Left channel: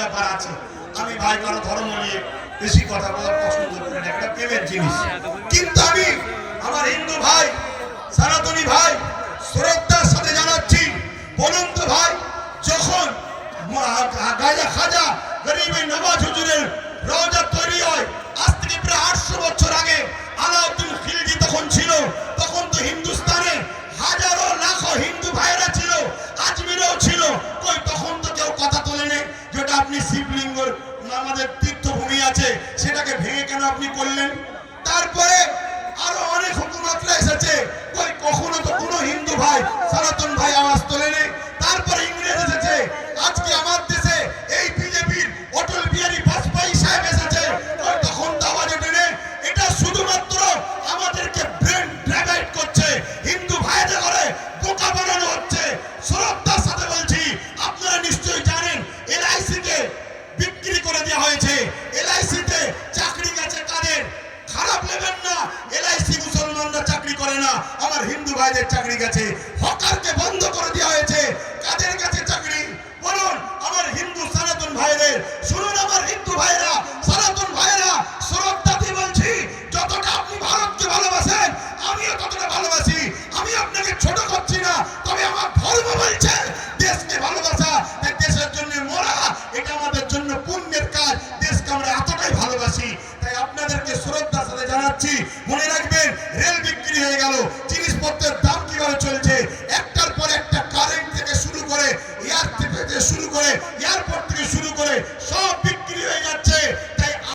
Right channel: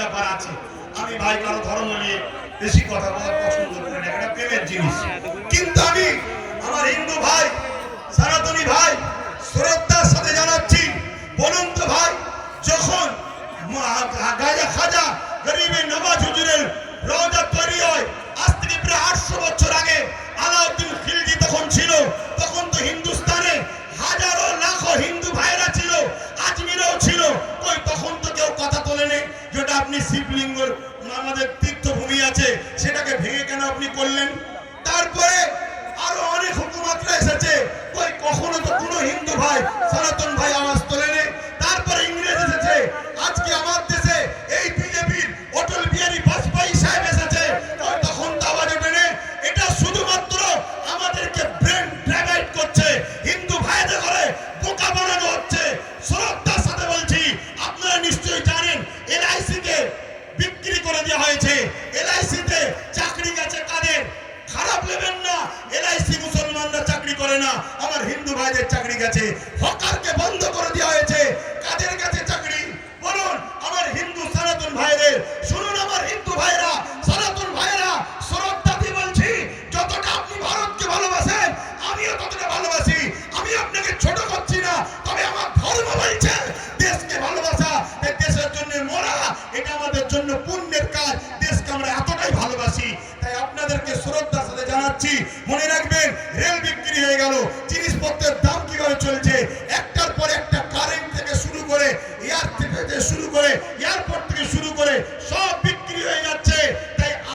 ব্যাপার আছে। আমি ভাই কারো ধর্ম নিয়ে বেশি কথা বলা পছন্দ করি না, এটা প্রেমের জিনিস। কিন্তু আমি আমার হিন্দু ভাই, সনাতনী ভাই শ্রদ্ধার সাথে জানাচ্ছি, বলুন তো ভাই, যখন গাজা খাজা গরিবের নওয়াজ হুজুরের রওজা তৈরি হয় আজ থেকে প্রায় 800 বছর আগে, আলাউদ্দিন খিলজি তখন ছিল, তখন তো হিন্দুস্তানে হাজারো লাখো হিন্দু ভাইরা ছিল, আজমিরেও ছিল, কই তখন তো কেউ কথা তোলেনি যেটা আপনি শিবলিঙ্গর আমাদের তীর্থভূমি আছে সেটাকে ভেঙে কেন আপনি করলেন? তারপরে আরো অনেক হুকুমতরা এসেছে, কই কখনো তো কোনো হিন্দু ভাই সনাতন ভাই আওয়াজ তোলেনি। তারপরে ইংরেজ এসেছে, আজকে আমার দেশে এই বিজেপির অটল বিহারী বাজপেয়ী সাহেব এসেছে, তখন তো আওয়াজ ওঠেনি। এটা শুধুমাত্র আমাদেরকে ব্রেন ড্রাইভাইট করছে, হিন্দু ভাইদের করে বোকা বানানো হচ্ছে। শ্রদ্ধার সাথে বলছি, আপনারা নিশ্চয়ই জানেন এলআইসি কে বিক্রি করে দেওয়া হয়েছে, এলআইসিতে চাকরি গেছে কাদের? খারাপ নেবেন না, এলআইসি মুসলমানরা চাকরি করে না, আমার হিন্দু ভাইদের চাকরি গেছে। হকারকে বন্ধ করে দেওয়া হয়েছে, কাদের কাছে চাকরি বলুন? আমার হিন্দু সনাতন ভাইদের। শুনুন আমার হিন্দু ভাইরা, সনাতন ভাইরা, শ্রদ্ধা দিয়ে বলছি, যতটা আপনি ভারতকে ভালোবাসেন আমিও ততটা ভালোবাসি। আমি আপনাকে ছোট করছি না, তবে আমার ধর্ম বলছে দেশকে ভালোবাসা, দেশের জন্য মরা, এটা আমাদের জন্য পুণ্যের কাজ। দেশকে আমরা এতটাই ভালোবাসি, তাই আপনাদেরকে শ্রদ্ধার সাথে জানাচ্ছি,